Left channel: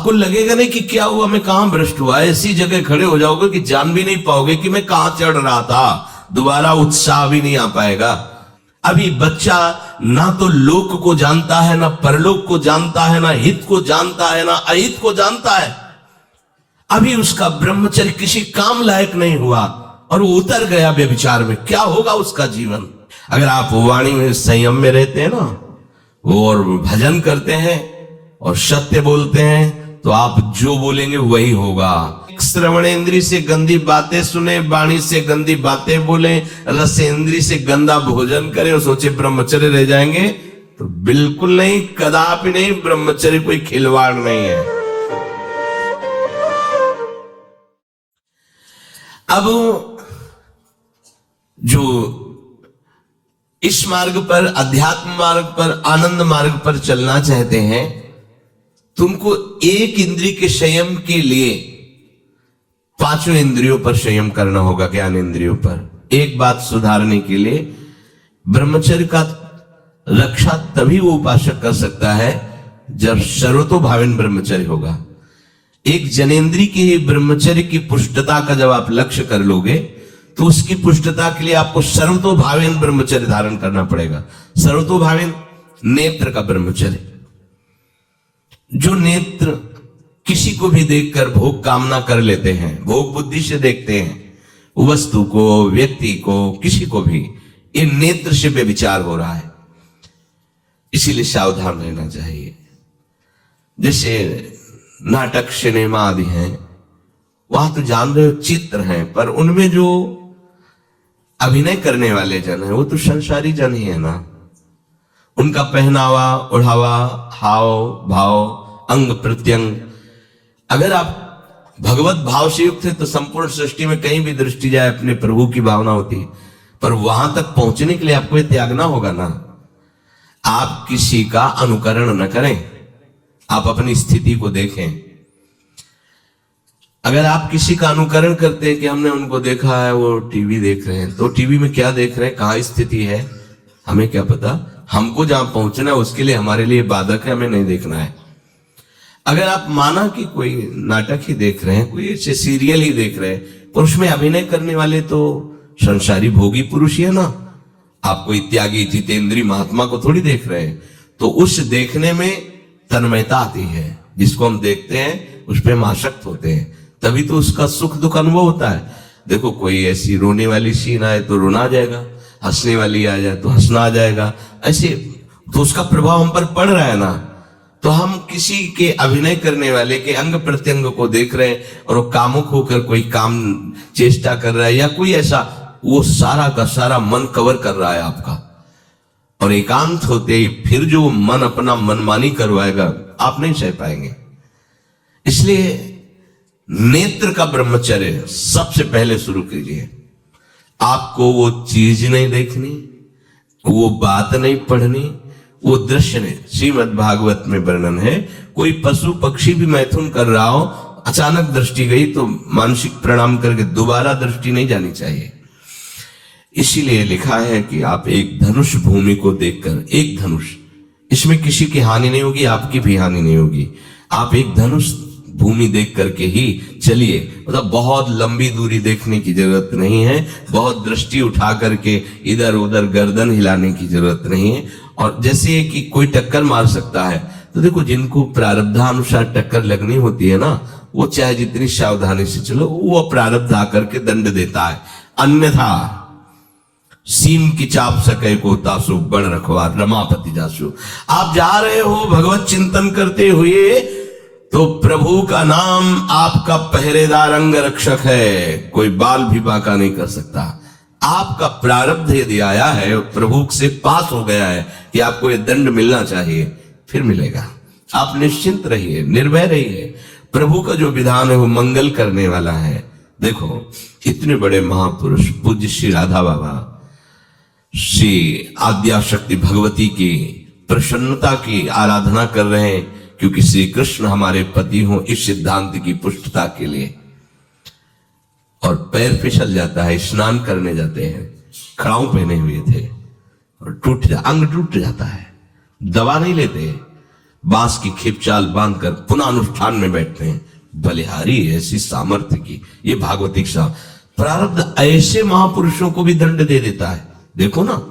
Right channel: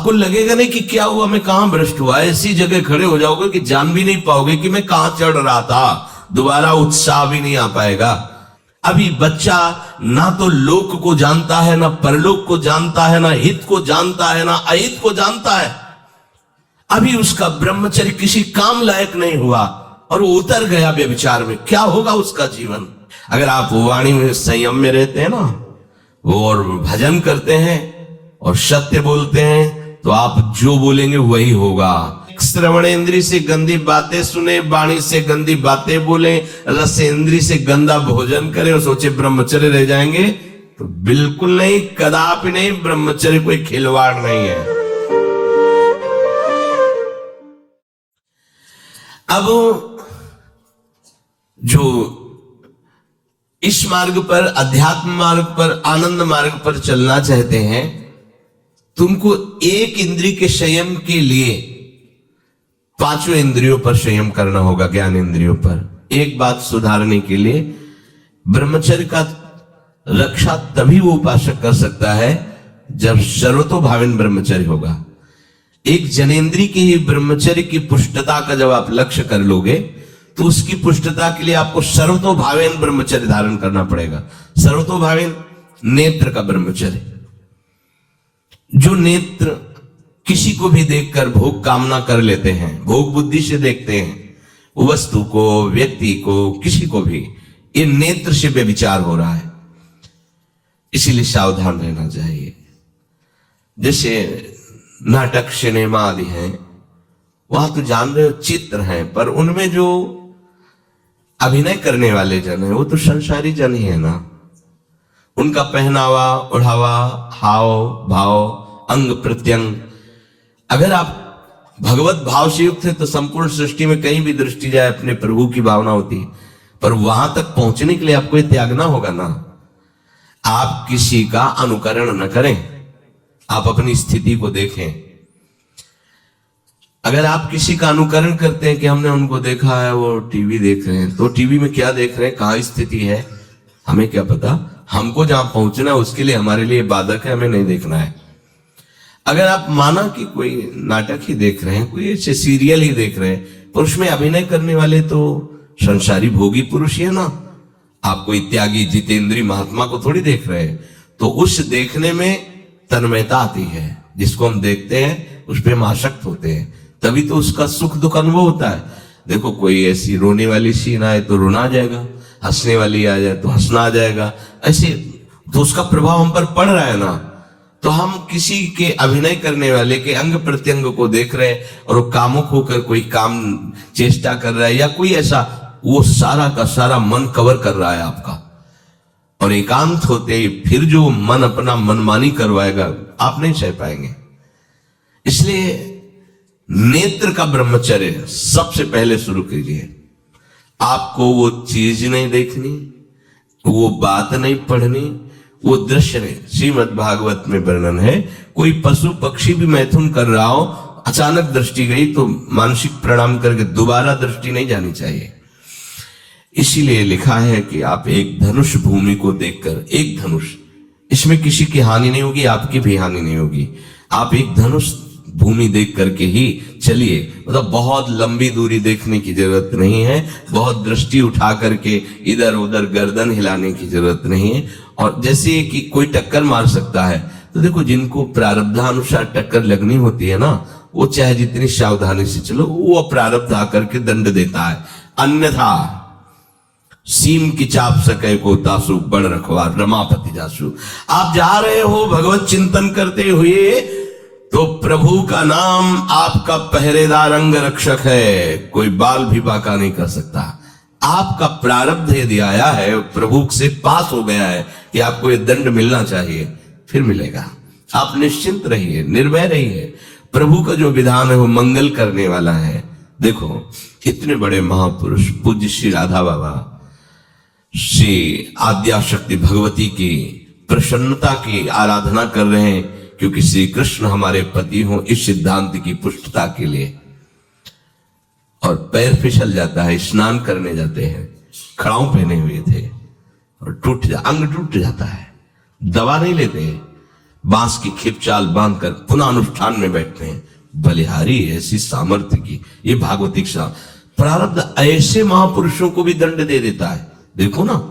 आपको लगेगा नहीं कि क्या हुआ, मैं कहां भ्रष्ट हुआ, ऐसी जगह खड़े हो जाओगे कि जान भी नहीं पाओगे कि मैं कहां चढ़ रहा था, दोबारा उत्साह भी नहीं आ पाएगा। अभी बच्चा ना तो लोक को जानता है, ना परलोक को जानता है, ना हित को जानता है, ना अहित को जानता है। अभी उसका ब्रह्मचर्य किसी काम लायक नहीं हुआ और वो उतर गया व्यभिचार में, क्या होगा उसका जीवन। अगर आप वाणी में संयम में रहते हैं ना, वो और भजन करते हैं और सत्य बोलते हैं, तो आप जो बोलेंगे वही होगा। श्रवणेंद्री से गंदी बातें सुने, वाणी से गंदी बातें बोले, रसेंद्री से गंदा भोजन करें और सोचे ब्रह्मचर्य रह जाएंगे, तो बिल्कुल नहीं, कदापि नहीं। ब्रह्मचर्य कोई खिलवाड़ नहीं है। अब जो इस मार्ग पर, अध्यात्म मार्ग पर, आनंद मार्ग पर चलना चाहते हैं, तुमको एक इंद्रिय के संयम के लिए पांचों इंद्रियों पर संयम करना होगा, ज्ञान इंद्रियों पर। एक बात सुधारने के लिए, ब्रह्मचर्य का रक्षा तभी वो उपासक कर सकता है जब सर्वतोभावेन ब्रह्मचर्य होगा। एक जनेन्द्रीय की ब्रह्मचर्य की पुष्टता का जब आप लक्ष्य कर लोगे, तो उसकी पुष्टता के लिए आपको सर्वतोभावेन ब्रह्मचर्य धारण करना पड़ेगा। सर्वतोभावेन नेत्र का ब्रह्मचर्य, जो नेत्र किसी को भी देखकर भोग कामना कर लेते हैं, भोग बुद्धि से देखते हैं वस्तु को, व्यक्ति को, किसी को भी, ये नेत्र से व्यभिचार हो रहा है। इसीलिए सावधान रहना चाहिए। जैसे नाटक, सिनेमा आदि हैं, वहां तो जान रहे हो चित्र हैं, पर उनमें जो अभिनय करने वाले जन हैं वो तो संसारी जन ही है ना। उनका पहनावा, ओढ़ावा, हाव भाव, अंग प्रत्यंग, अगर आप भगवत भाव से युक्त है तो संपूर्ण सृष्टि में कहीं भी दृष्टि जाए अपने प्रभु की भावना होती है। पर वहां तक पहुंचने के लिए आपको ये त्यागना होगा ना। आप किसी का अनुकरण न करें, आप अपनी स्थिति को देखें। अगर आप किसी का अनुकरण करते हैं कि हमने उनको देखा है, वो टीवी देख रहे हैं, तो टीवी में क्या देख रहे हैं, कहां स्थिति है, हमें क्या पता। हमको जहां पहुंचना है उसके लिए हमारे लिए बाधक है, हमें नहीं देखना है। अगर आप माना कि कोई नाटक ही देख रहे हैं, कोई ऐसे सीरियल ही देख रहे हैं, पर उसमें अभिनय करने वाले तो संसारी भोगी पुरुष ही है ना। आप कोई त्यागी जितेंद्रीय महात्मा को थोड़ी देख रहे हैं। तो उस देखने में तन्मयता आती है, जिसको हम देखते हैं उस पर हम आसक्त होते हैं, तभी तो उसका सुख दुख अनुभव होता है। देखो कोई ऐसी रोने वाली सीन आए तो रोना आ जाएगा, हंसने वाली आ जाए तो हंसना आ जाएगा, ऐसे तो उसका प्रभाव हम पर पड़ रहा है ना। तो हम किसी के अभिनय करने वाले के अंग प्रत्यंग को देख रहे हैं और वो कामुक होकर कोई काम चेष्टा कर रहा है या कोई ऐसा, वो सारा का सारा मन कवर कर रहा है आपका। और एकांत होते ही फिर जो मन अपना मनमानी करवाएगा, आप नहीं सह पाएंगे। इसलिए नेत्र का ब्रह्मचर्य सबसे पहले शुरू कीजिए। आपको वो चीज नहीं देखनी, वो बात नहीं पढ़नी, वो दृश्य नहीं। श्रीमद् भागवत में वर्णन है, कोई पशु पक्षी भी मैथुन कर रहा हो, अचानक दृष्टि गई तो मानसिक प्रणाम करके दोबारा दृष्टि नहीं जानी चाहिए। इसीलिए लिखा है कि आप एक धनुष भूमि को देखकर, एक धनुष, इसमें किसी की हानि नहीं होगी, आपकी भी हानि नहीं होगी। आप एक धनुष भूमि देख करके ही चलिए। मतलब बहुत लंबी दूरी देखने की जरूरत नहीं है, बहुत दृष्टि उठा करके इधर उधर गर्दन हिलाने की जरूरत नहीं है। और जैसे कि कोई टक्कर मार सकता है, तो देखो जिनको प्रारब्धानुसार टक्कर लगनी होती है ना, वो चाहे जितनी सावधानी से चलो, वो प्रारब्ध आकर के दंड देता है। अन्यथा सीम की चाप सके को तासु बड़ रखवार रमापति जासु। आप जा रहे हो भगवत चिंतन करते हुए, तो प्रभु का नाम आपका पहरेदार अंग रक्षक है, कोई बाल भी बांका नहीं कर सकता। आपका प्रारब्ध यदि आया है, प्रभु से पास हो गया है कि आपको ये दंड मिलना चाहिए, फिर मिलेगा। आप निश्चिंत रहिए, निर्भय रहिए। प्रभु का जो विधान है वो मंगल करने वाला है। देखो इतने बड़े महापुरुष पूज्य श्री राधा बाबा, श्री आद्याशक्ति भगवती की प्रसन्नता की आराधना कर रहे हैं, क्योंकि श्री कृष्ण हमारे पति हों, इस सिद्धांत की पुष्टता के लिए। और पैर फिसल जाता है, स्नान करने जाते हैं, खड़ाऊ पहने हुए थे और अंग टूट जाता है, दवा नहीं लेते, बांस की खेपचाल बांधकर पुनः अनुष्ठान में बैठते हैं। बलिहारी ऐसी सामर्थ्य की, ये भागवतिक सा प्रारब्ध ऐसे महापुरुषों को भी दंड दे देता है। देखो ना,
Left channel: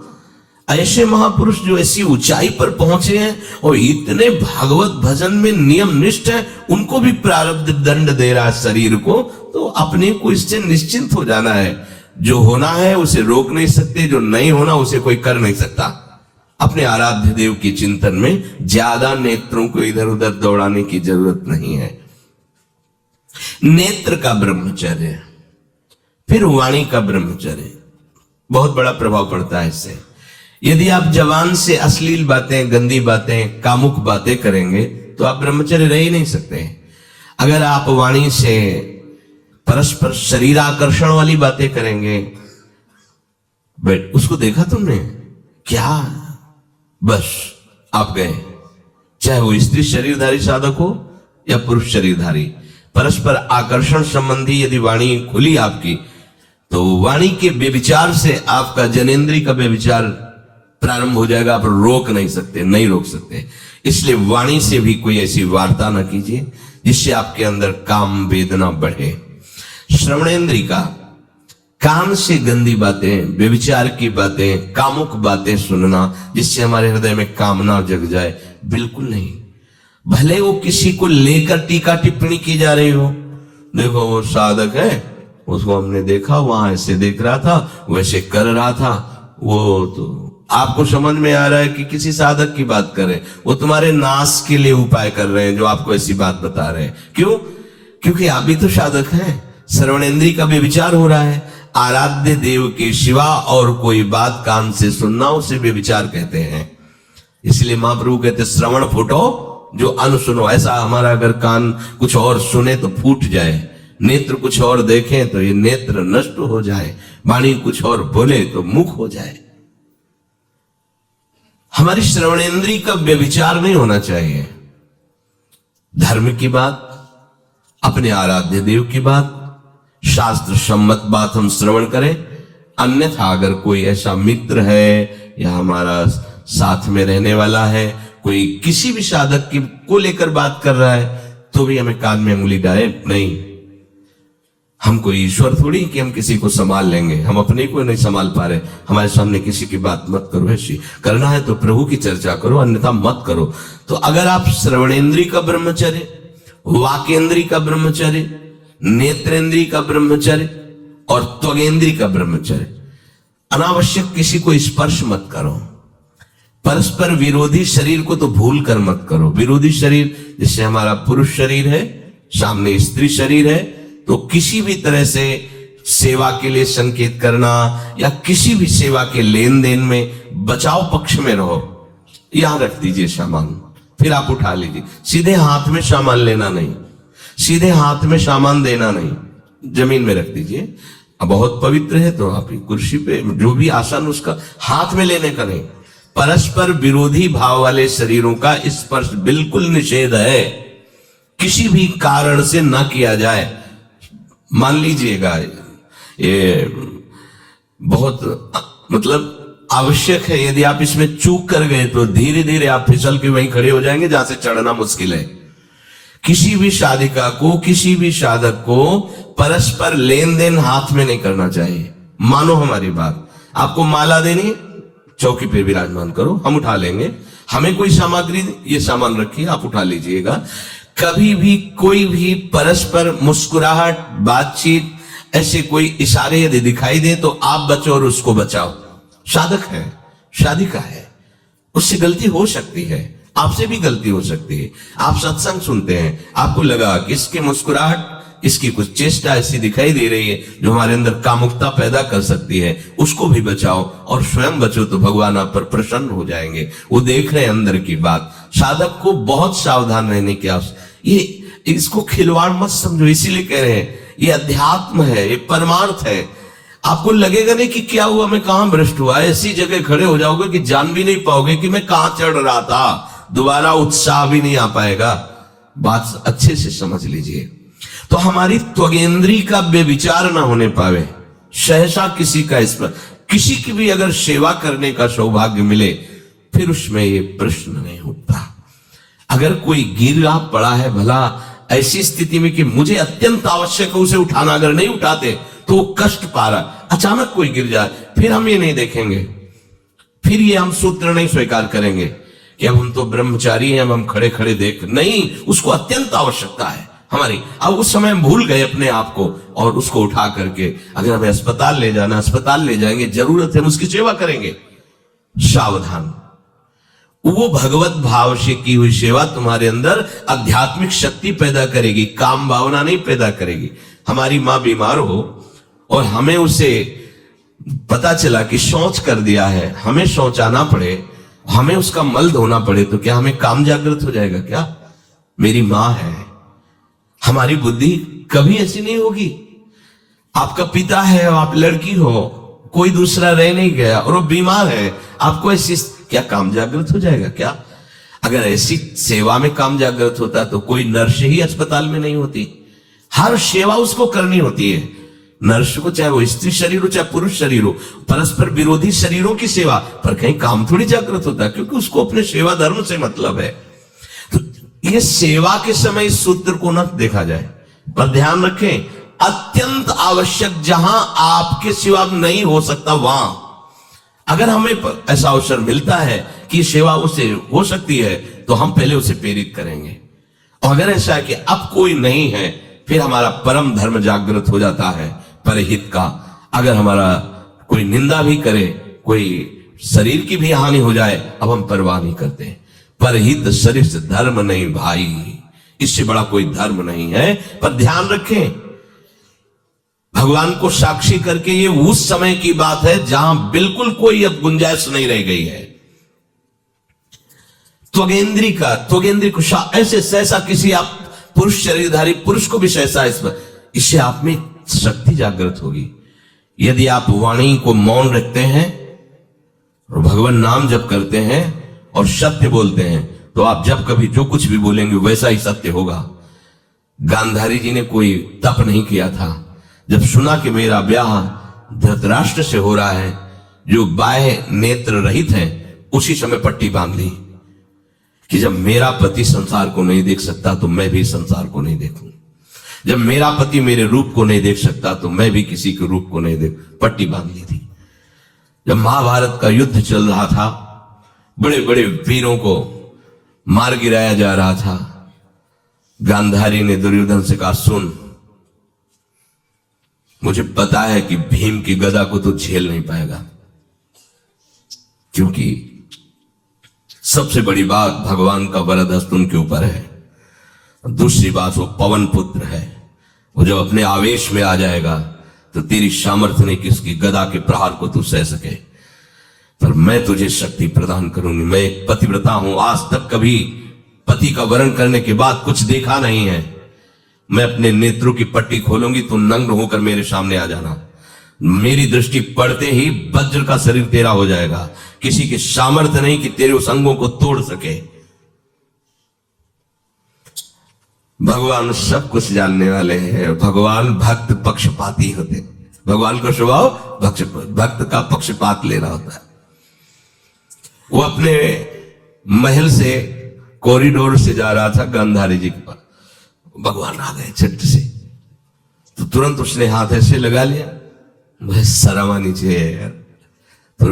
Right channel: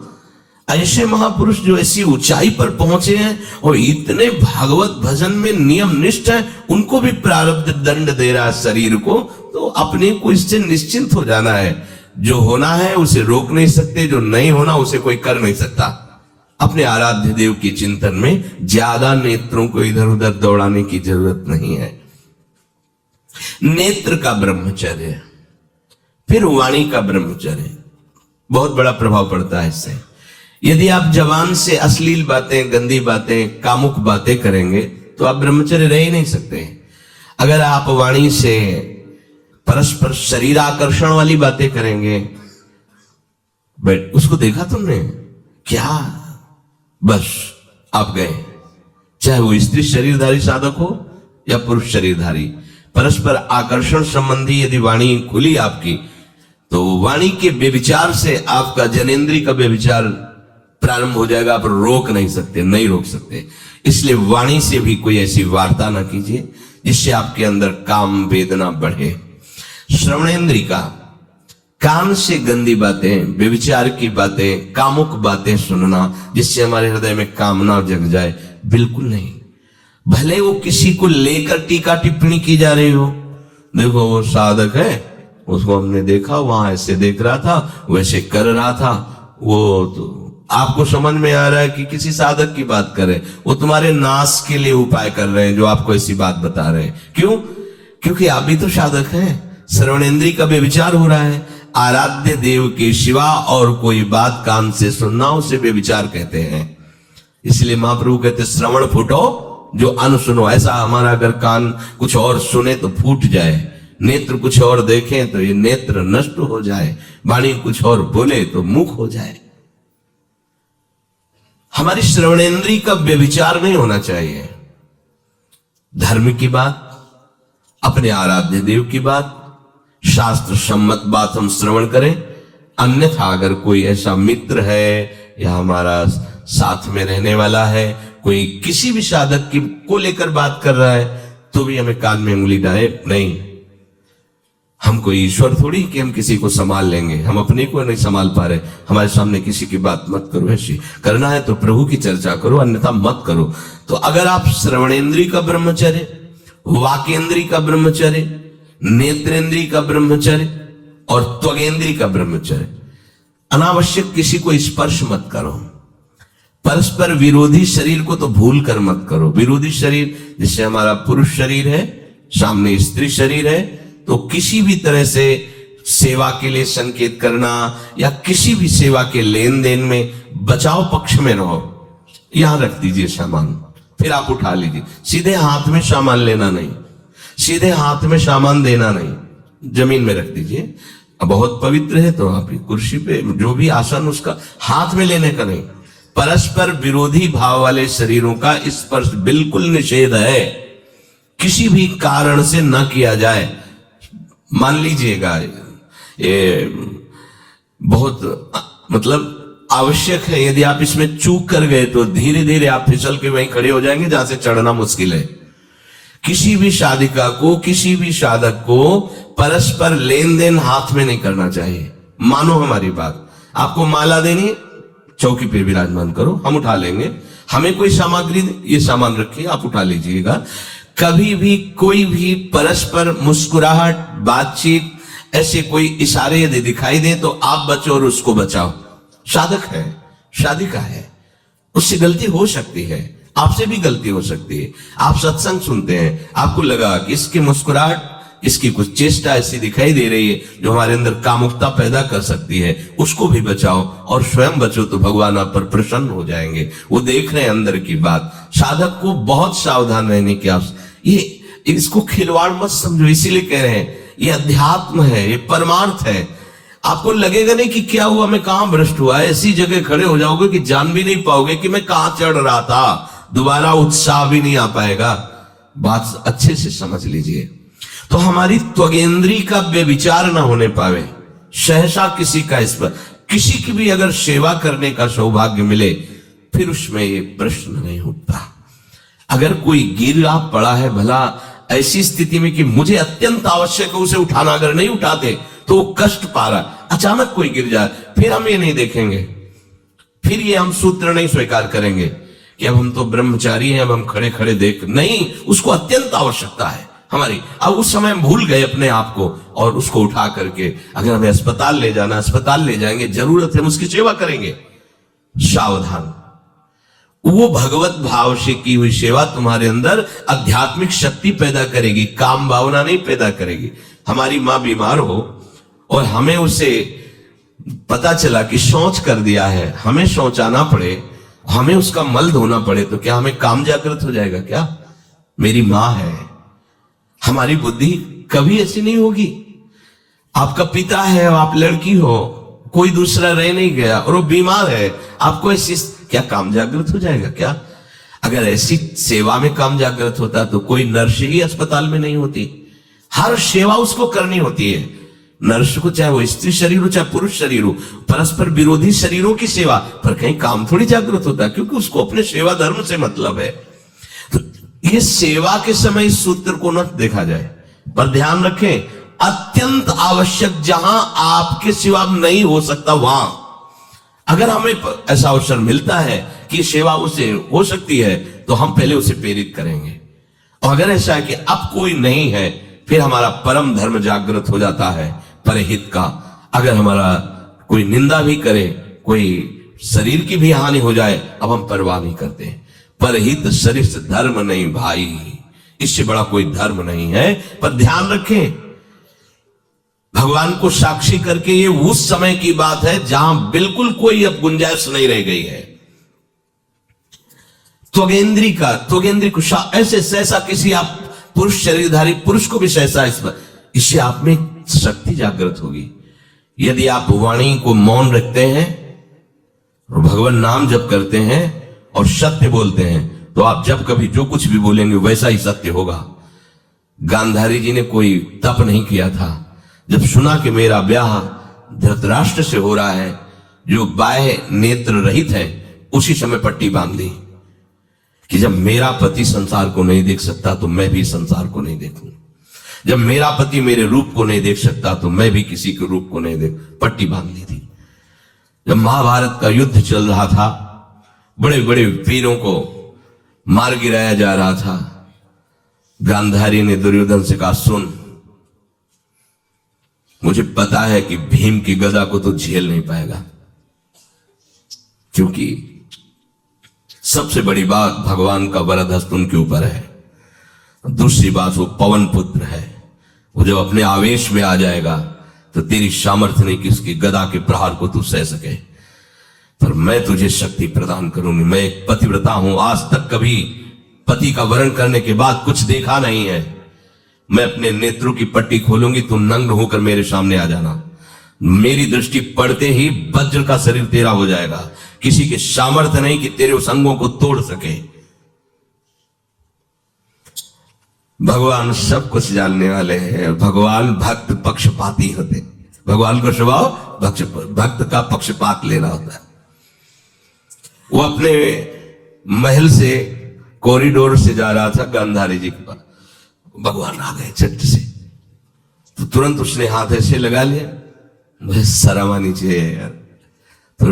ऐसे महापुरुष जो ऐसी ऊंचाई पर पहुंचे हैं और इतने भागवत भजन में नियम निष्ठ है, उनको भी प्रारब्ध दंड दे रहा है शरीर को। तो अपने को इससे निश्चिंत हो जाना है। जो होना है उसे रोक नहीं सकते, जो नहीं होना उसे कोई कर नहीं सकता। अपने आराध्य देव के चिंतन में ज्यादा नेत्रों को इधर उधर दौड़ाने की जरूरत नहीं है। नेत्र का ब्रह्मचर्य, फिर वाणी का ब्रह्मचर्य, बहुत बड़ा प्रभाव पड़ता है इससे। यदि आप जवान से अश्लील बातें, गंदी बातें, कामुक बातें करेंगे तो आप ब्रह्मचर्य रह ही नहीं सकते। अगर आप वाणी से परस्पर शरीर आकर्षण वाली बातें करेंगे, बट उसको देखा तुमने क्या, बस आप गए। चाहे वो स्त्री शरीरधारी साधक हो या पुरुष शरीरधारी, परस्पर आकर्षण संबंधी यदि वाणी खुली आपकी, तो वाणी के व्यभिचार से आपका जनेंद्री का व्यभिचार प्रारंभ हो जाएगा। आप रोक नहीं सकते, नहीं रोक सकते। इसलिए वाणी से भी कोई ऐसी वार्ता न कीजिए जिससे आपके अंदर काम वेदना बढ़े। श्रवणेंद्री का, कान से गंदी बातें, व्यभिचार की बातें, कामुक बातें सुनना जिससे हमारे हृदय में कामना जग जाए, बिल्कुल नहीं। भले वो किसी को लेकर टीका टिप्पणी की जा रही हो, देखो वो साधक है, उसको हमने देखा वहां ऐसे देख रहा था, वैसे कर रहा था, वो तो आपको समझ में आ रहा है कि किसी साधक की बात कर रहे हैं। वो तुम्हारे नाश के लिए उपाय कर रहे हैं जो आपको ऐसी बात बता रहे हैं। क्यों? क्योंकि आप भी तो साधक हैं। श्रवणेंद्री का व्यभिचार हो रहा है। आराध्य देव के सिवा और कोई बात कान से सुनना उसे व्यभिचार कहते हैं। इसलिए महाप्रभु कहते श्रवण फूटो जो अन्न सुनो। ऐसा हमारा अगर कान कुछ और सुने तो फूट जाए, नेत्र कुछ और देखे तो ये नेत्र नष्ट हो जाए, वाणी कुछ और बोले तो मुख हो जाए। हमारी श्रवणेंद्री का व्यभिचार नहीं होना चाहिए। धर्म की बात, अपने आराध्य देव की बात, शास्त्र सम्मत बात हम श्रवण करें। अन्यथा अगर कोई ऐसा मित्र है या हमारा साथ में रहने वाला है, कोई किसी भी साधक की को लेकर बात कर रहा है, तो भी हमें कान में उंगली डाले नहीं। हम कोई ईश्वर थोड़ी कि हम किसी को संभाल लेंगे, हम अपने को नहीं संभाल पा रहे। हमारे सामने किसी की बात मत करो। ऐसी करना है तो प्रभु की चर्चा करो, अन्यथा मत करो। तो अगर आप श्रवणेंद्री का ब्रह्मचर्य, वाकेंद्री का ब्रह्मचर्य, नेत्रेंद्री का ब्रह्मचर्य और त्वगेंद्री का ब्रह्मचर्य, अनावश्यक किसी को स्पर्श मत करो। परस्पर विरोधी शरीर को तो भूल कर मत करो। विरोधी शरीर जैसे हमारा पुरुष शरीर है, सामने स्त्री शरीर है, तो किसी भी तरह से सेवा के लिए संकेत करना या किसी भी सेवा के लेन देन में बचाव पक्ष में रहो। यहां रख दीजिए सामान, फिर आप उठा लीजिए। सीधे हाथ में सामान लेना नहीं, सीधे हाथ में सामान देना नहीं, जमीन में रख दीजिए। अब बहुत पवित्र है तो आप कुर्सी पे जो भी आसन उसका हाथ में लेने का नहीं। परस्पर विरोधी भाव वाले शरीरों का स्पर्श बिल्कुल निषेध है, किसी भी कारण से न किया जाए। मान लीजिएगा ये बहुत मतलब आवश्यक है, यदि आप इसमें चूक कर गए तो धीरे धीरे आप फिसल के वहीं खड़े हो जाएंगे जहां से चढ़ना मुश्किल है। किसी भी साधिका को, किसी भी साधक को परस्पर लेन देन हाथ में नहीं करना चाहिए। मानो हमारी बात, आपको माला देनी है, चौकी पे विराजमान करो, हम उठा लेंगे। हमें कोई सामग्री, ये सामान रखिए, आप उठा लीजिएगा। कभी भी कोई भी परस्पर मुस्कुराहट, बातचीत, ऐसे इशारे यदि दिखाई दे तो आप बचो और उसको बचाओ। साधक है, साधिका है, उससे गलती हो सकती है, आपसे भी गलती हो सकती है। आप सत्संग सुनते हैं, आपको लगा कि इसकी मुस्कुराहट, इसकी कुछ चेष्टा ऐसी दिखाई दे रही है जो हमारे अंदर कामुकता पैदा कर सकती है, उसको भी बचाओ और स्वयं बचो, तो भगवान आप पर प्रसन्न हो जाएंगे। वो देख रहे हैं अंदर की बात। साधक को बहुत सावधान रहने की आवश्यकता। ये इसको खिलवाड़ मत समझो, इसीलिए कह रहे हैं ये अध्यात्म है, ये परमार्थ है। आपको लगेगा नहीं कि क्या हुआ, मैं कहां भ्रष्ट हुआ, ऐसी जगह खड़े हो जाओगे कि जान भी नहीं पाओगे कि मैं कहां चढ़ रहा था। दोबारा उत्साह भी नहीं आ पाएगा। बात अच्छे से समझ लीजिए। तो हमारी त्वगेंद्री का व्यभिचार ना होने पावे, सहसा किसी का इस पर किसी की भी अगर सेवा करने का सौभाग्य मिले, फिर उसमें ये प्रश्न नहीं उठता। अगर कोई गिरा पड़ा है भला ऐसी स्थिति में कि मुझे अत्यंत आवश्यक है उसे उठाना, अगर नहीं उठाते तो वो कष्ट पा रहा, अचानक कोई गिर जाए, फिर हम ये नहीं देखेंगे, फिर ये हम सूत्र नहीं स्वीकार करेंगे कि अब हम तो ब्रह्मचारी हैं, अब हम खड़े खड़े देख नहीं, उसको अत्यंत आवश्यकता है हमारी। अब उस समय हम भूल गए अपने आप को और उसको उठा करके अगर हमें अस्पताल ले जाना, अस्पताल ले जाएंगे, जरूरत है हम उसकी सेवा करेंगे। सावधान, वो भगवत भाव से की हुई सेवा तुम्हारे अंदर आध्यात्मिक शक्ति पैदा करेगी, काम भावना नहीं पैदा करेगी। हमारी मां बीमार हो और हमें उसे पता चला कि शौच कर दिया है, हमें शौचाना पड़े, हमें उसका मल धोना पड़े, तो क्या हमें काम जागृत हो जाएगा? क्या मेरी मां है। हमारी बुद्धि कभी ऐसी नहीं होगी। आपका पिता है, आप लड़की हो, कोई दूसरा रह नहीं गया और वो बीमार है, आपको ऐसी क्या काम जागृत हो जाएगा? क्या अगर ऐसी सेवा में काम जागृत होता तो कोई नर्स ही अस्पताल में नहीं होती। हर सेवा उसको करनी होती है, नर्स को, चाहे वो स्त्री शरीर हो चाहे पुरुष शरीर हो, परस्पर विरोधी शरीरों की सेवा, पर कहीं काम थोड़ी जागृत होता, क्योंकि उसको अपने सेवा धर्म से मतलब है। तो इस सेवा के समय इस सूत्र को न देखा जाए, पर ध्यान रखें, अत्यंत आवश्यक जहां आपके सिवा नहीं हो सकता, वहां अगर हमें ऐसा अवसर मिलता है कि सेवा उसे हो सकती है तो हम पहले उसे प्रेरित करेंगे। और अगर ऐसा है कि अब कोई नहीं है, फिर हमारा परम धर्म जागृत हो जाता है परहित का। अगर हमारा कोई निंदा भी करे, कोई शरीर की भी हानि हो जाए, अब हम परवाह नहीं करते। परहित सरिस धर्म नहीं भाई, इससे बड़ा कोई धर्म नहीं है। पर ध्यान रखें, भगवान को साक्षी करके ये उस समय की बात है जहां बिल्कुल कोई अब गुंजाइश नहीं रह गई है। त्वगेंद्री को ऐसे सहसा किसी आप पुरुष शरीरधारी पुरुष को भी सहसा, इससे आप में शक्ति जागृत होगी। यदि आप वाणी को मौन रखते हैं और भगवान नाम जप करते हैं और सत्य बोलते हैं, तो आप जब कभी जो कुछ भी बोलेंगे वैसा ही सत्य होगा। गांधारी जी ने कोई तप नहीं किया था, जब सुना कि मेरा ब्याह धृतराष्ट्र से हो रहा है जो बाह्य नेत्र रहित है, उसी समय पट्टी बांध दी कि जब मेरा पति संसार को नहीं देख सकता तो मैं भी संसार को नहीं देखूं, जब मेरा पति मेरे रूप को नहीं देख सकता तो मैं भी किसी के रूप को नहीं देख, पट्टी बांध दी थी। जब महाभारत का युद्ध चल रहा था, बड़े बड़े वीरों को मार गिराया जा रहा था, गांधारी ने दुर्योधन से कहा, सुन, मुझे पता है कि भीम की गदा को तो झेल नहीं पाएगा, क्योंकि सबसे बड़ी बात भगवान का वरद हस्त उनके ऊपर है। दूसरी बात, वो पवन पुत्र है, वो जब अपने आवेश में आ जाएगा तो तेरी सामर्थ्य नहीं कि उसकी गदा के प्रहार को तू सह सके, पर मैं तुझे शक्ति प्रदान करूंगी। मैं एक पतिव्रता हूं, आज तक कभी पति का वरण करने के बाद कुछ देखा नहीं है। मैं अपने नेत्रों की पट्टी खोलूंगी, तो नग्न होकर मेरे सामने आ जाना। मेरी दृष्टि पड़ते ही वज्र का शरीर तेरा हो जाएगा, किसी के सामर्थ्य नहीं कि तेरे उस अंगों को तोड़ सके। भगवान सब कुछ जानने वाले हैं। भगवान भक्त पक्षपाती होते, भगवान का स्वभाव भक्त का पक्षपात लेना होता है। वो अपने महल से कॉरिडोर से जा रहा था गांधारी जी के पास, भगवान आ गए झट से, तो तुरंत उसने हाथ ऐसे लगा लिया, मुझे शर्म आनी चाहिए यार। तो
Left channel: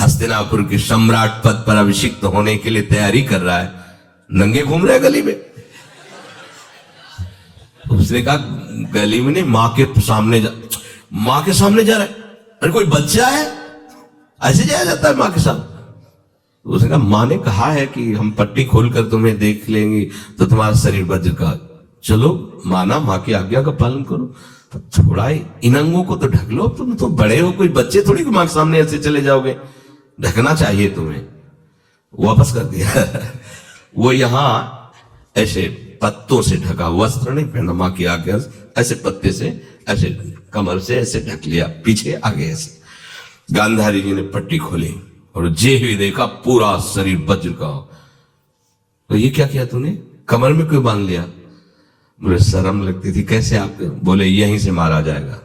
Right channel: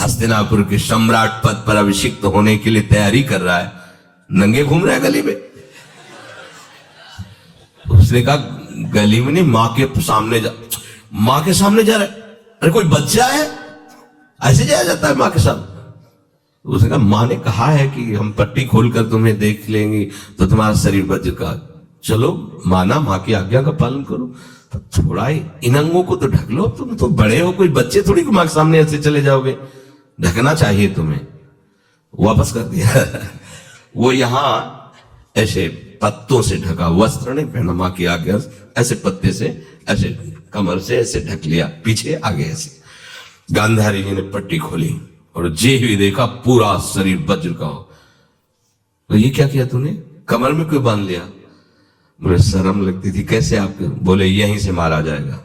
हस्तिनापुर के सम्राट पद पर अभिषिक्त होने के लिए तैयारी कर रहा है, नंगे घूम रहा है गली में। उसने कहा, गली में नहीं, माँ के सामने जा रहा है। अरे कोई बच्चा है, ऐसे जाया जाता है माँ के सामने? उसने कहा, माँ ने कहा है कि हम पट्टी खोलकर तुम्हें देख लेंगे तो तुम्हारा शरीर वज्र का, चलो माना, माँ की आज्ञा का पालन करो, तो थोड़ा इन अंगों को तो ढक लो, तुम तो बड़े हो, कोई बच्चे थोड़ी माँ के सामने ऐसे चले जाओगे, ढकना चाहिए तुम्हें। वापस कर दिया। वो यहां ऐसे पत्तों से ढका, वस्त्र नहीं पहना, माँ की आज्ञा, ऐसे पत्ते से ऐसे कमर से ऐसे ढक लिया, पीछे आगे ऐसे। गांधारी जी ने पट्टी खोली और जे ही देखा पूरा शरीर वज्र का हो। तो ये क्या किया तूने, कमर में क्यों बांध लिया? मुझे शर्म लगती थी, कैसे आप? बोले, यहीं से मारा जाएगा,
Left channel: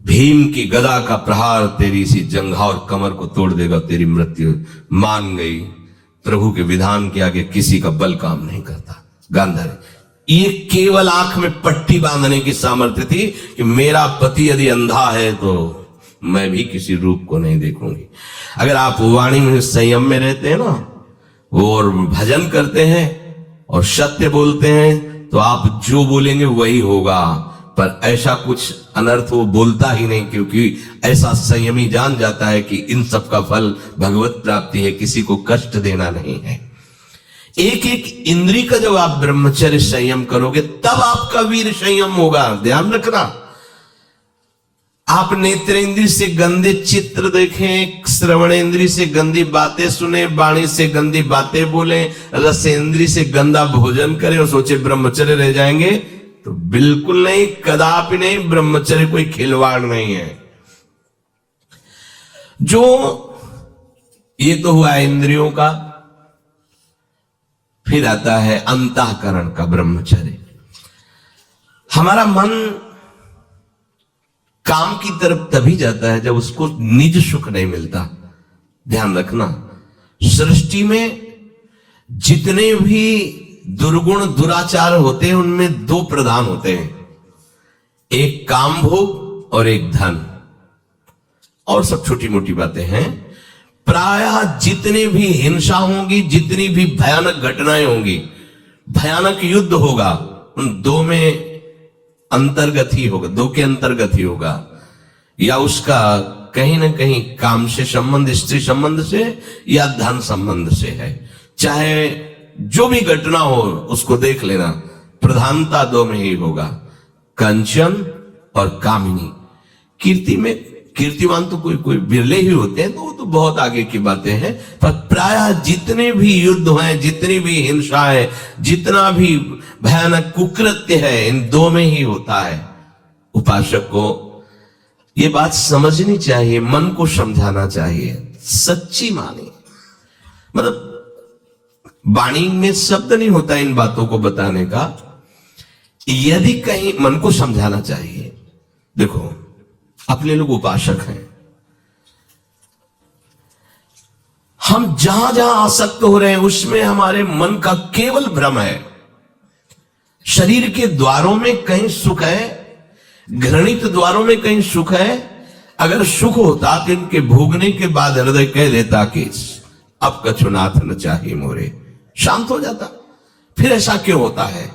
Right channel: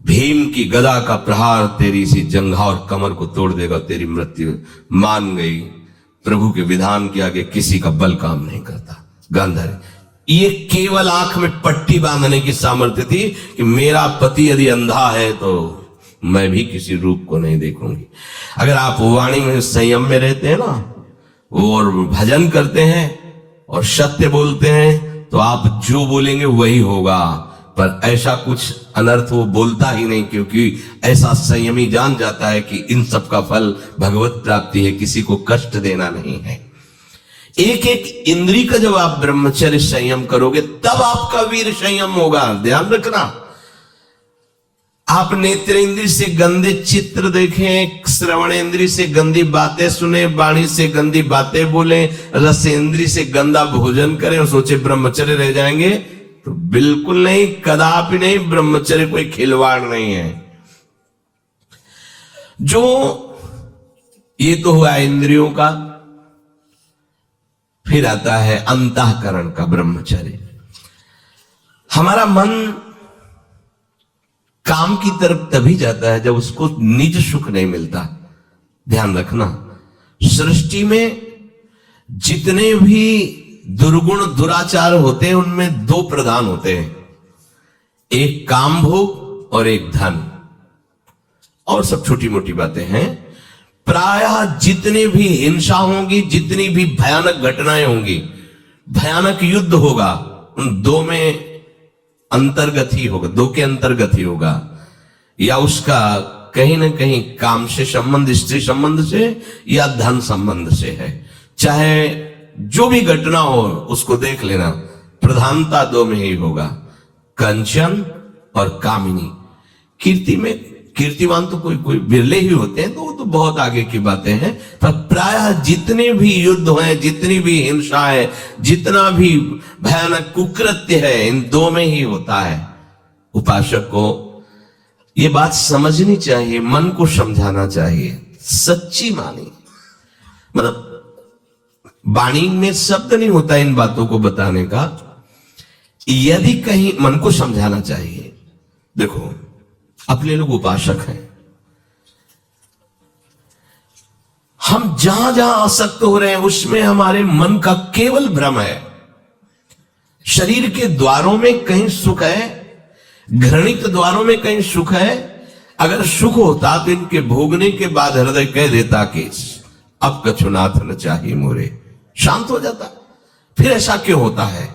भीम की गदा का प्रहार तेरी इसी जंघा और कमर को तोड़ देगा, तेरी मृत्यु। मान गई प्रभु के विधान के आगे किसी का बल काम नहीं करता। गांधारी ये केवल आंख में पट्टी बांधने की सामर्थ्य थी कि मेरा पति यदि अंधा है तो मैं भी किसी रूप को नहीं देखूंगी। अगर आप वाणी में संयम में रहते हैं ना, और भजन करते हैं और सत्य बोलते हैं, तो आप जो बोलेंगे वही होगा। पर ऐसा कुछ अनर्थ वो बोलता ही नहीं, क्योंकि ऐसा संयमी जान जाता है कि इन सब का फल भगवत प्राप्ति है, किसी को कष्ट देना नहीं है। एक एक इंद्री का जब आप ब्रह्मचर्य संयम करोगे तब आपका वीर संयम होगा। ध्यान रखना, आप नेत्रेंद्री से गंदे चित्र देखें, श्रवणेंद्री से गंदी बातें सुने, वाणी से गंदी बातें बोले, रसेंद्री से गंदा भोजन करें और सोचे ब्रह्मचर्य रह जाएंगे, तो बिल्कुल नहीं, कदापि नहीं। ब्रह्मचर्य कोई खिलवाड़ नहीं है। जो ये तो हुआ इंद्रियों का, फिर आता है अंतःकरण का ब्रह्मचर्य। हमारा मन काम की तरफ तभी जाता है जब उसको निज सुख नहीं मिलता। ध्यान रखना, सृष्टि में जितने भी दुर्गुण दुराचार होते हैं उनमें दो प्रधान होते हैं, एक काम भोग और एक धन, और सब छोटी मोटी बातें हैं। प्रायः जितने भी हिंसा होगी, जितनी भी भयानक घटनाएं होंगी, भयानक युद्ध होगा, उन दो में अंतर्गत ही होगा, दो के अंतर्गत ही होगा। या उसका कहीं ना कहीं काम से संबंध, स्त्री संबंध से या धन संबंध से है। चाहे जो भी घटना हो उसको देख लेना, प्रधानता दो में ही होगा, कंचन और कामिनी। कीर्ति में कीर्तिमान तो कोई कोई बिरले ही होते हैं, तो वो तो बहुत आगे की बातें हैं। पर प्रायः जितने भी युद्ध हैं, जितनी भी हिंसा है, जितना भी भयानक कुकृत्य है, इन दो में ही होता है। उपासक को ये बात समझनी चाहिए, मन को समझाना चाहिए, सच्ची मानी। मतलब वाणी में शब्द नहीं होता इन बातों को बताने का, यदि कहीं मन को समझाना चाहिए। देखो, अपने लोग उपासक हैं, हम जहां जहां आसक्त हो रहे हैं उसमें हमारे मन का केवल भ्रम है। शरीर के द्वारों में कहीं सुख है, घृणित द्वारों में कहीं सुख है। अगर सुख होता तो इनके भोगने के बाद हृदय कह देता कि अब कछुनाथ न चाहिए मोरे, शांत हो जाता। फिर ऐसा क्यों होता है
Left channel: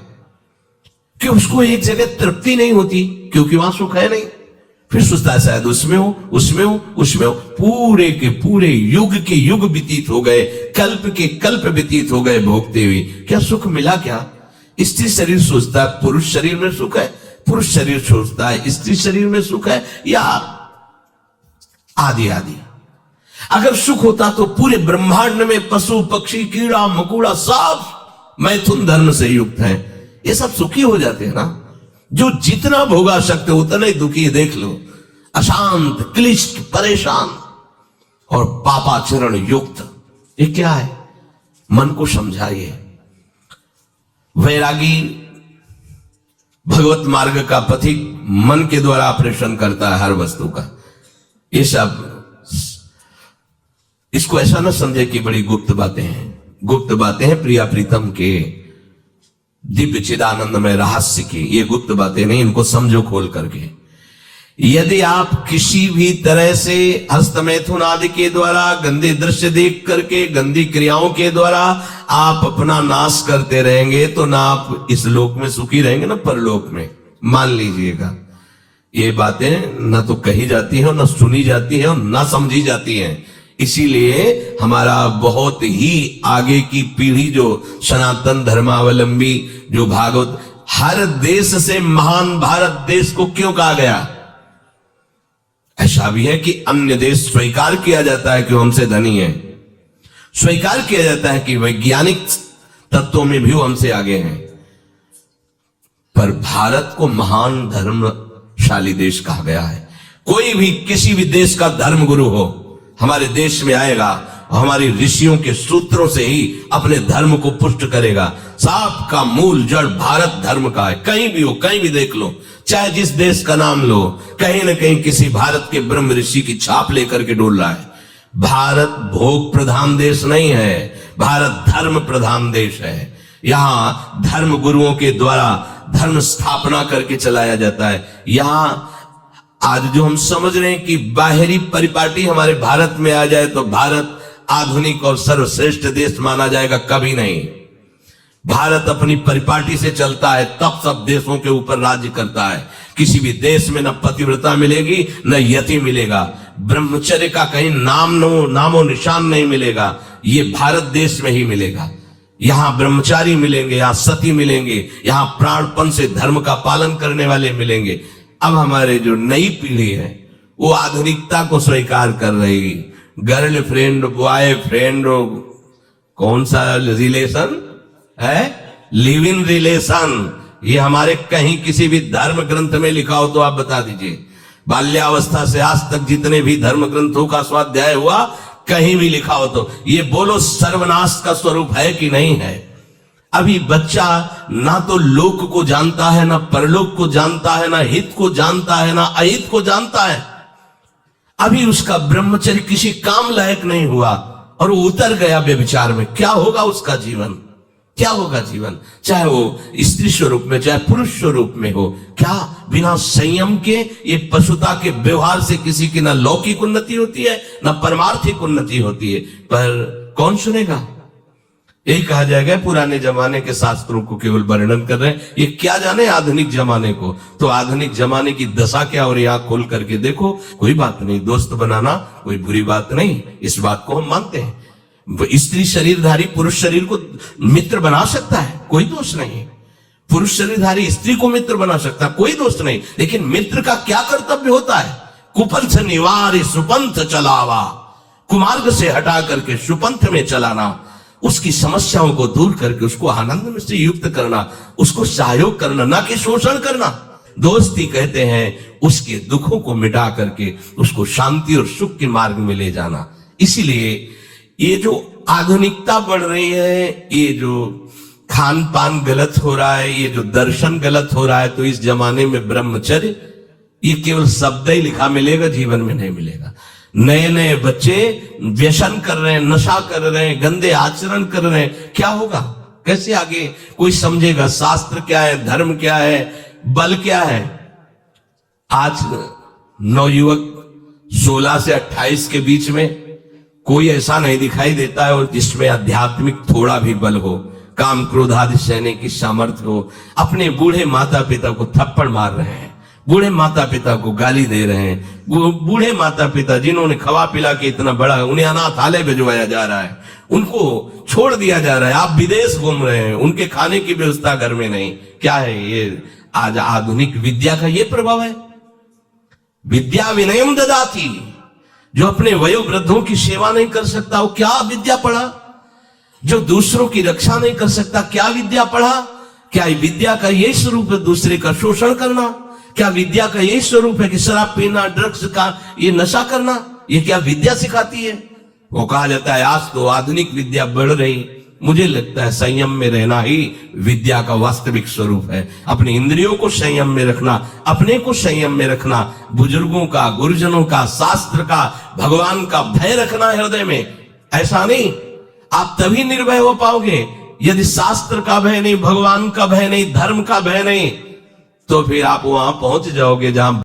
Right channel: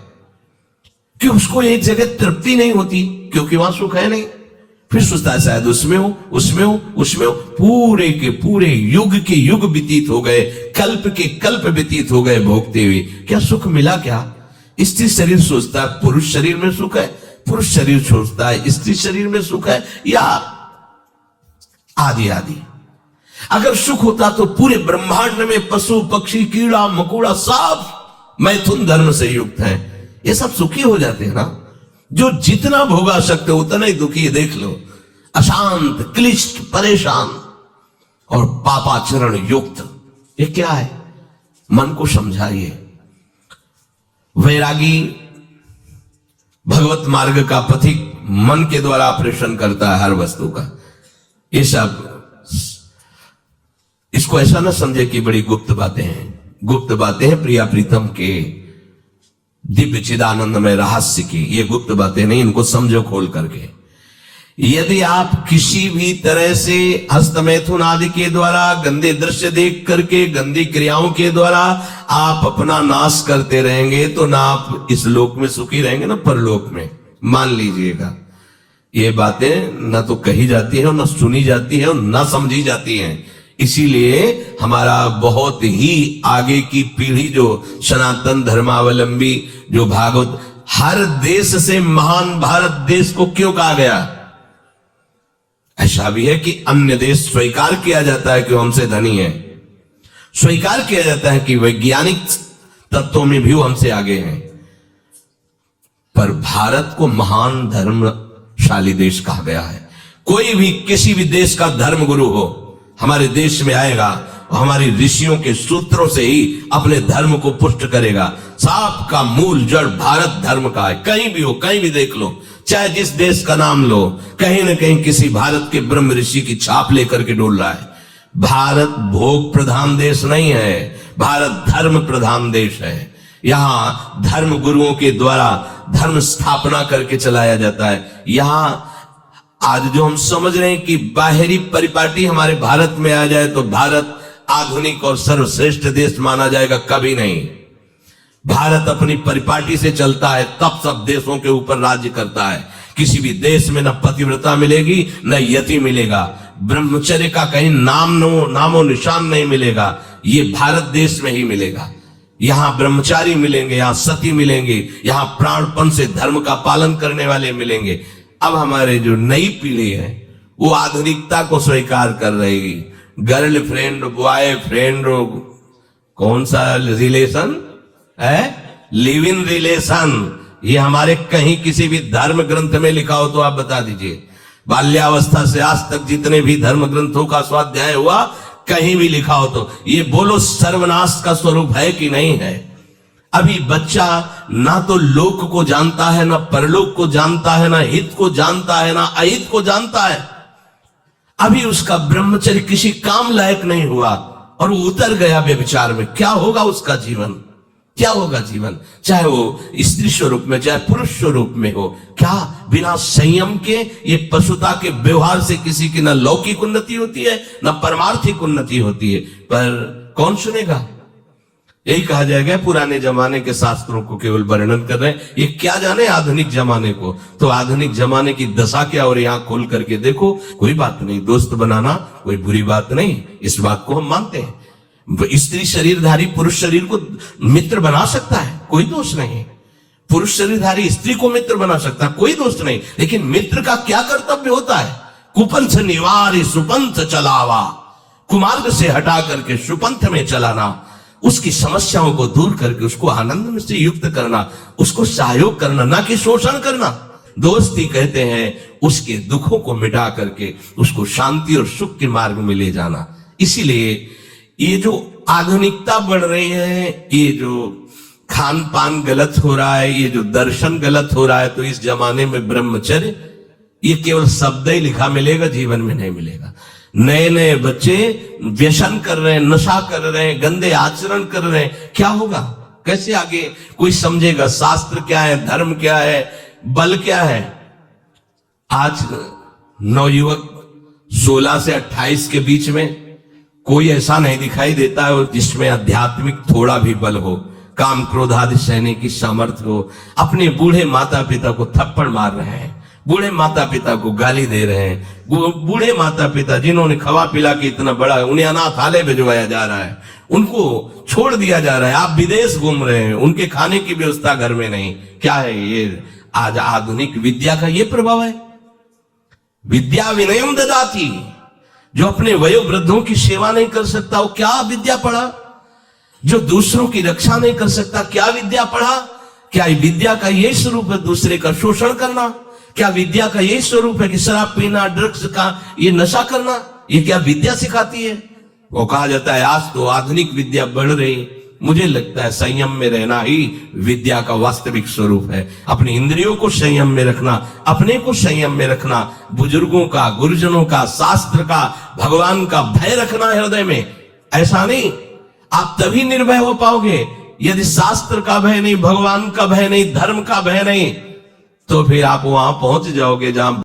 कि उसको एक जगह तृप्ति नहीं होती, क्योंकि वहां सुख है नहीं। फिर सोचता है शायद उसमें हो, उसमें हो, उसमें हो। पूरे के पूरे युग के युग व्यतीत हो गए, कल्प के कल्प व्यतीत हो गए भोगते हुए, क्या सुख मिला? क्या स्त्री शरीर सोचता है पुरुष शरीर में सुख है, पुरुष शरीर सोचता है स्त्री शरीर में सुख है, या आदि आदि। अगर सुख होता तो पूरे ब्रह्मांड में पशु पक्षी कीड़ा मकोड़ा सब मैथुन धर्म से युक्त है, ये सब सुखी हो जाते हैं ना। जो जितना भोगा सकते उतना ही दुखी है। देख लो, अशांत, क्लिष्ट, परेशान और पापाचरण युक्त, ये क्या है? मन को समझाइए। वैरागी भगवत मार्ग का पथिक मन के द्वारा ऑपरेशन करता है हर वस्तु का। ये सब इसको ऐसा ना समझे कि बड़ी गुप्त बातें हैं। गुप्त बातें हैं प्रिया प्रीतम के दिव्य चिदानंदमय रहस्य की, ये गुप्त बातें नहीं, इनको समझो खोल करके। यदि आप किसी भी तरह से हस्तमैथुन आदि के द्वारा, गंदे दृश्य देख करके, गंदी क्रियाओं के द्वारा आप अपना नाश करते रहेंगे, तो ना आप इस लोक में सुखी रहेंगे ना परलोक में। मान लीजिएगा, ये बातें ना तो कही जाती है, ना सुनी जाती है, ना समझी जाती हैं। इसीलिए हमारा बहुत ही आगे की पीढ़ी जो सनातन धर्मावलंबी, जो भागवत, हर देश से महान भारत देश को क्यों कहा गया? ऐसा भी है कि अन्य देश स्वीकार किया जाता है कि हमसे धनी है, स्वीकार किया जाता है कि वैज्ञानिक तत्वों में भी हमसे आगे हैं, पर भारत को महान धर्मशाली देश कहा गया है। कोई भी किसी भी देश का धर्म गुरु हो, हमारे देश में आएगा और हमारी ऋषियों के सूत्रों से ही अपने धर्म को पुष्ट करेगा। सांप का मूल जड़ भारत धर्म का है। कहीं भी हो, कहीं भी देख लो, चाहे जिस देश का नाम लो, कहीं ना कहीं किसी भारत के ब्रह्म ऋषि की छाप लेकर के डोल रहा है। भारत भोग प्रधान देश नहीं है, भारत धर्म प्रधान देश है। यहाँ धर्म गुरुओं के द्वारा धर्म स्थापना करके चलाया जाता है। यहाँ आज जो हम समझ रहे हैं कि बाहरी परिपाटी हमारे भारत में आ जाए तो भारत आधुनिक और सर्वश्रेष्ठ देश माना जाएगा, कभी नहीं। भारत अपनी परिपाटी से चलता है, तब सब देशों के ऊपर राज्य करता है। किसी भी देश में न पतिव्रता मिलेगी न यति मिलेगा, ब्रह्मचर्य का कहीं नामो निशान नहीं मिलेगा, ये भारत देश में ही मिलेगा। यहाँ ब्रह्मचारी मिलेंगे, यहाँ सती मिलेंगे, यहाँ प्राणपण से धर्म का पालन करने वाले मिलेंगे। अब हमारे जो नई पीढ़ी है वो आधुनिकता को स्वीकार कर रही है। गर्लफ्रेंड, बॉयफ्रेंड, कौन सा रिलेशन है, लिव इन रिलेशन, ये हमारे कहीं किसी भी धर्म ग्रंथ में लिखा हो तो आप बता दीजिए। बाल्यावस्था से आज तक जितने भी धर्म ग्रंथों का स्वाध्याय हुआ, कहीं भी लिखा हो तो ये बोलो सर्वनाश का स्वरूप है कि नहीं है। अभी बच्चा ना तो लोक को जानता है, ना परलोक को जानता है, ना हित को जानता है, ना अहित को जानता है। अभी उसका ब्रह्मचर्य किसी काम लायक नहीं हुआ और वो उतर गया व्यभिचार में। क्या होगा उसका जीवन, क्या होगा जीवन, चाहे वो स्त्री स्वरूप में चाहे पुरुष स्वरूप में हो। क्या बिना संयम के ये पशुता के व्यवहार से किसी की ना लौकिक उन्नति होती है ना परमार्थिक उन्नति होती है। पर कौन सुनेगा। यही कहा जाएगा पुराने जमाने के शास्त्रों को केवल वर्णन कर रहे हैं, ये क्या जाने आधुनिक जमाने को। तो आधुनिक जमाने की दशा क्या, और यहाँ खोल करके देखो। कोई बात नहीं, दोस्त बनाना कोई बुरी बात नहीं, इस बात को हम मानते हैं। स्त्री शरीरधारी पुरुष शरीर को मित्र बना सकता है, कोई दोष नहीं। पुरुष शरीरधारी स्त्री को मित्र बना सकता है, कोई दोष नहीं। लेकिन मित्र का क्या कर्तव्य होता है, कुपंथ निवारी सुपंथ चलावा, कुमार्ग से हटा करके सुपंथ में चलाना, उसकी समस्याओं को दूर करके उसको आनंद में से युक्त करना, उसको सहयोग करना, ना कि शोषण करना। दोस्ती कहते हैं उसके दुखों को मिटा करके उसको शांति और सुख के मार्ग में ले जाना। इसीलिए ये जो आधुनिकता बढ़ रही है, ये जो खान पान गलत हो रहा है, ये जो दर्शन गलत हो रहा है, तो इस जमाने में ब्रह्मचर्य ये केवल शब्द ही लिखा मिलेगा, जीवन में नहीं मिलेगा। नए नए बच्चे व्यसन कर रहे हैं, नशा कर रहे हैं, गंदे आचरण कर रहे हैं, क्या होगा, कैसे आगे कोई समझेगा शास्त्र क्या है, धर्म क्या है, बल क्या है। आज नवयुवक 16 से 28 के बीच में कोई ऐसा नहीं दिखाई देता है और जिसमें आध्यात्मिक थोड़ा भी बल हो, काम क्रोध आदि सहने की सामर्थ्य हो। अपने बूढ़े माता पिता को थप्पड़ मार रहे हैं, बूढ़े माता पिता को गाली दे रहे हैं, बूढ़े माता पिता जिन्होंने खवा पिला के इतना बड़ा, उन्हें अनाथालय भिजवाया जा रहा है, उनको छोड़ दिया जा रहा है। आप विदेश घूम रहे हैं, उनके खाने की व्यवस्था घर में नहीं। क्या है ये, आज आधुनिक विद्या का ये प्रभाव है। विद्या विनयम ददाती, जो अपने वयोवृद्धों की सेवा नहीं कर सकता वो क्या विद्या पढ़ा। जो दूसरों की रक्षा नहीं कर सकता क्या विद्या पढ़ा। क्या विद्या का यही स्वरूप है दूसरे का शोषण करना। क्या विद्या का यही स्वरूप है कि शराब पीना, ड्रग्स का ये नशा करना, ये क्या विद्या सिखाती है। वो कहा जाता है आज तो आधुनिक विद्या बढ़ रही, मुझे लगता है संयम में रहना ही विद्या का वास्तविक स्वरूप है। अपनी इंद्रियों को संयम में रखना, अपने को संयम में रखना, बुजुर्गों का, गुरुजनों का, शास्त्र का, भगवान का भय रखना है हृदय में। ऐसा नहीं, आप तभी निर्भय हो पाओगे यदि शास्त्र का भय नहीं, भगवान का भय नहीं, धर्म का भय नहीं, तो फिर आप वहां पहुंच जाओगे जहां